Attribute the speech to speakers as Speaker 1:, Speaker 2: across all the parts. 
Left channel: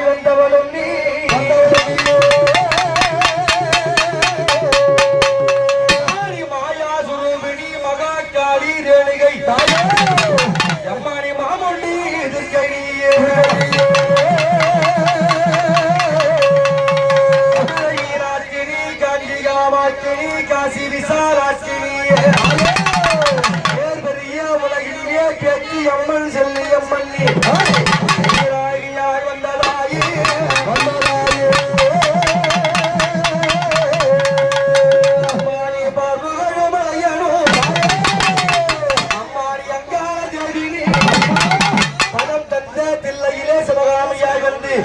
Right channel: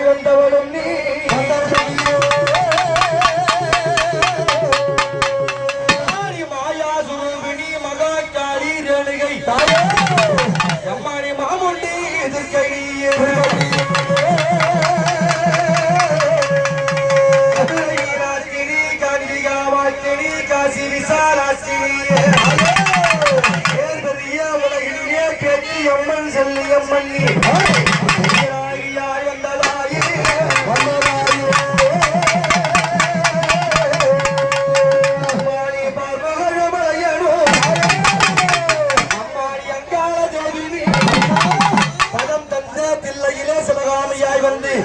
Speaker 1: வந்தவளும் நீ. மாயா சுரூபிணி மகாக்காரி ரேணுகை தாயாரி மாமுண்டி எதிர்கையே காசி விசாராட்சினியே உலகிலே கேட்டி அம்மன் செல்லியம்மன் நீ.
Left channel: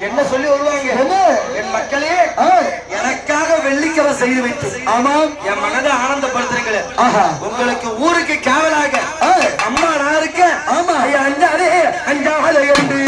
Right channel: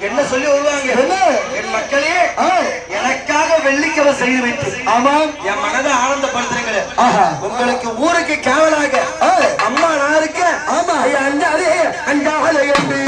Speaker 1: என்ன சொல்லி வருவாங்க? என்ன? என் மக்களே எனக்காக வெள்ளிக்கவை செய்து வைத்து ஆமா என் மனதை ஆனந்தப்படுத்துறீங்களே. உங்களுக்கு ஊருக்கு காவலாக அம்மா நான் இருக்கேன் ஆமா. ஐயா அஞ்சாலே அஞ்சாலே என்று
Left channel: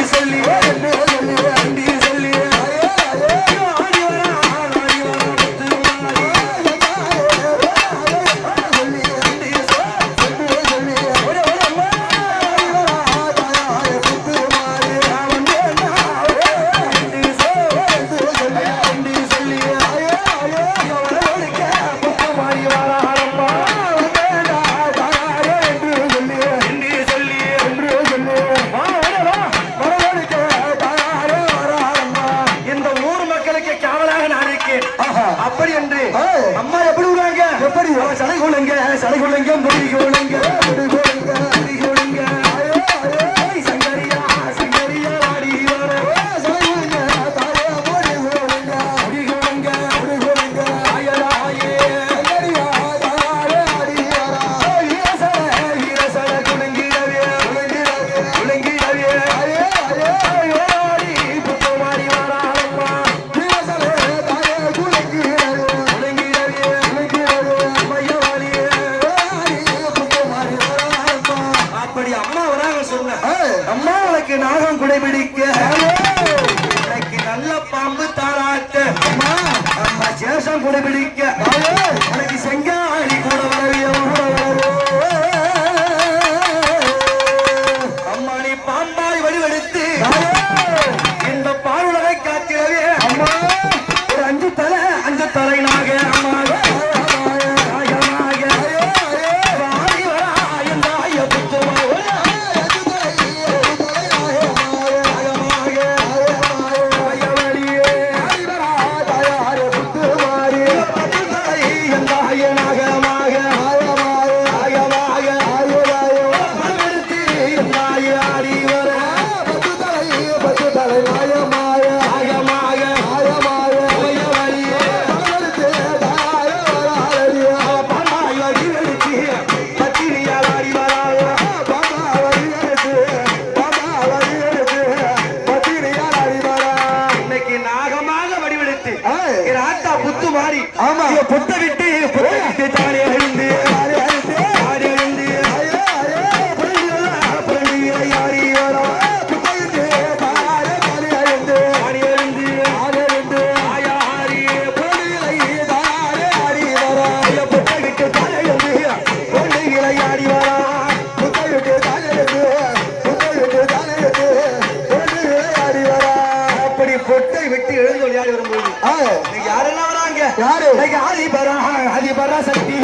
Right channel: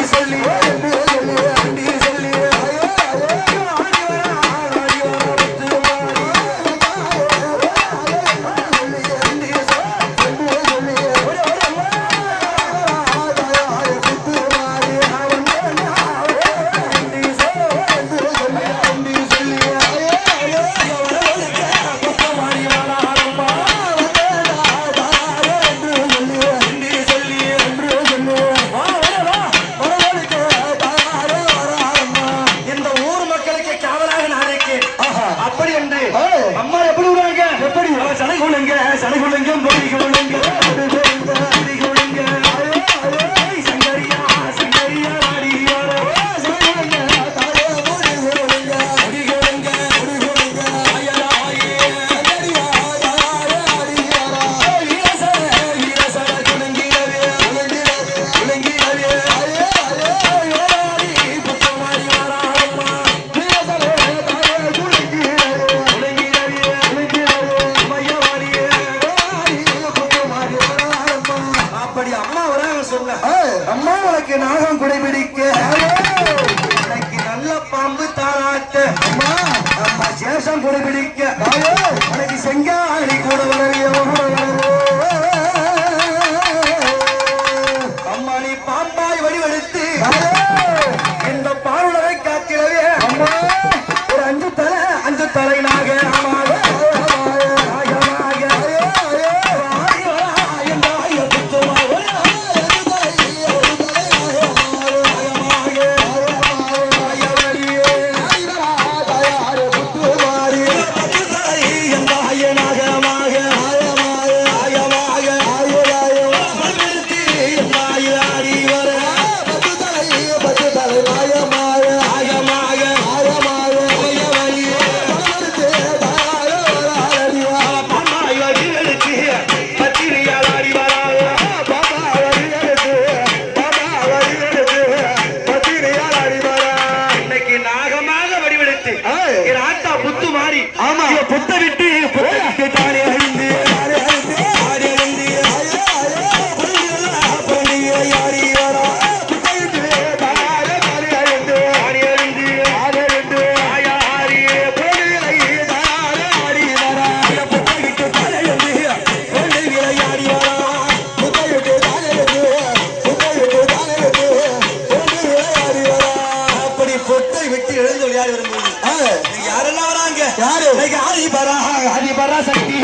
Speaker 1: யாரெல்லாம் வராங்க? யாரு? ஹரிபரா ஹரிபரா சக்தி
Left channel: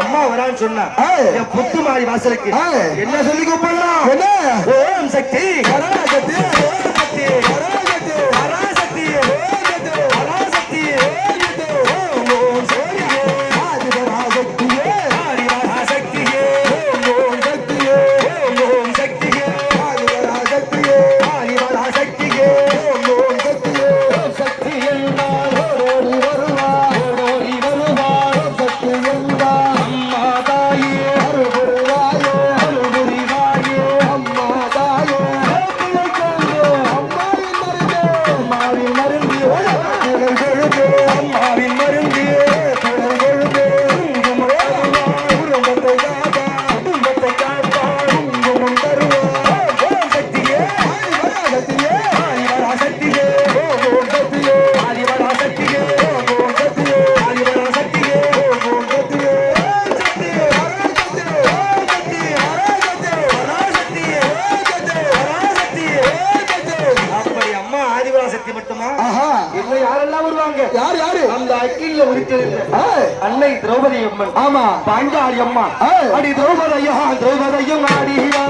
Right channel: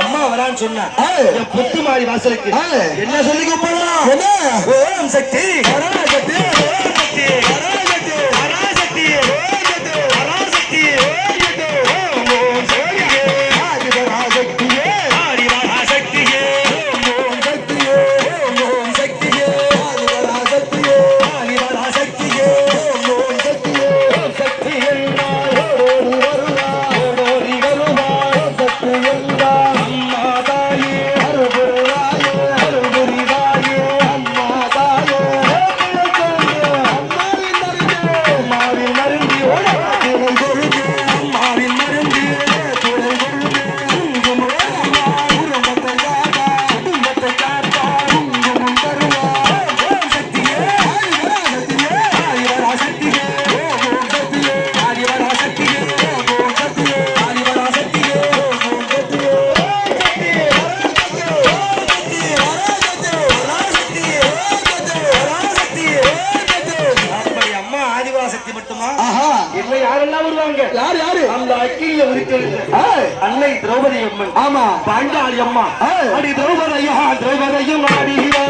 Speaker 1: அம்மா வரான்னு சொன்ன. புத்து மாடி வாசலுக்கு. என்ன சொல்லி கூப்பிடலாம் என்ன? ஓம் சக்தி சக்தி வக்கீல்ல உரிக்கிறது அன்னை திரௌபதி அம்மன்.
Speaker 2: ஆமா.
Speaker 1: பாண்டாளி அம்மா. அடி திரௌபதி ஐயா திரௌபதி ஐயா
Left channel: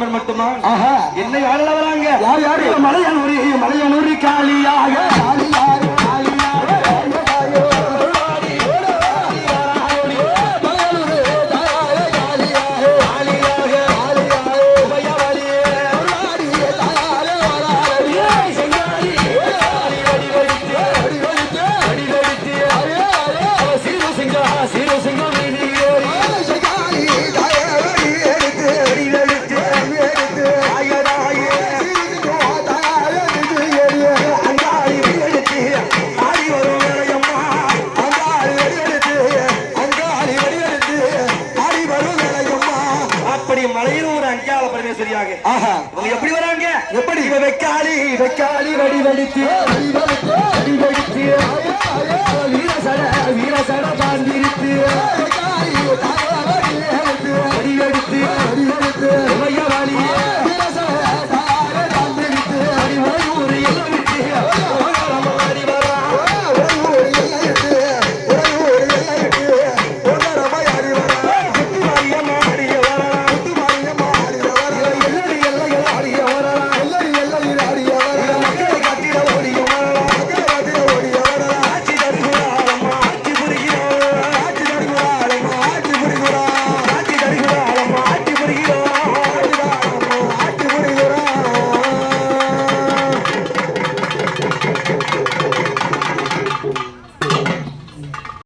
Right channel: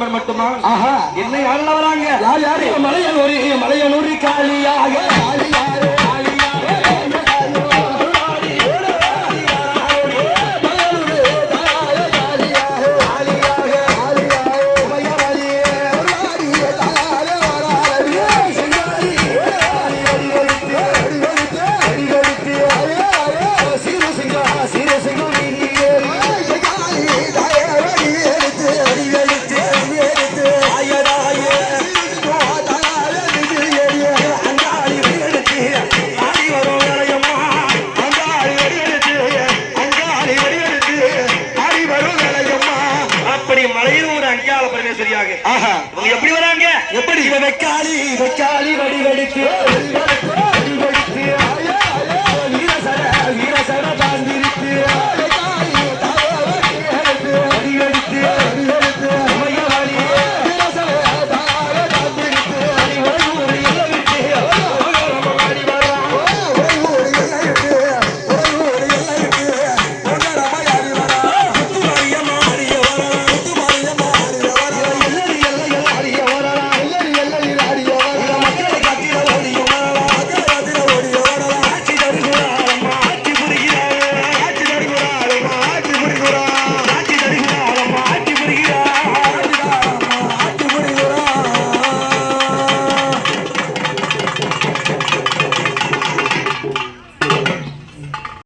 Speaker 1: மெம்பர் மட்டுமா? ஆஹா. என்ன யாரெல்லாம் வராங்க
Speaker 2: யார்? யாரு
Speaker 1: மலையனூர் மலையனூர் காலியாக காலியாக
Speaker 2: வராங்க
Speaker 1: சரியாக. எப்படி வராங்க?
Speaker 2: எப்படி?
Speaker 1: வெக்காளி வெக்காளி வடி வெடித்து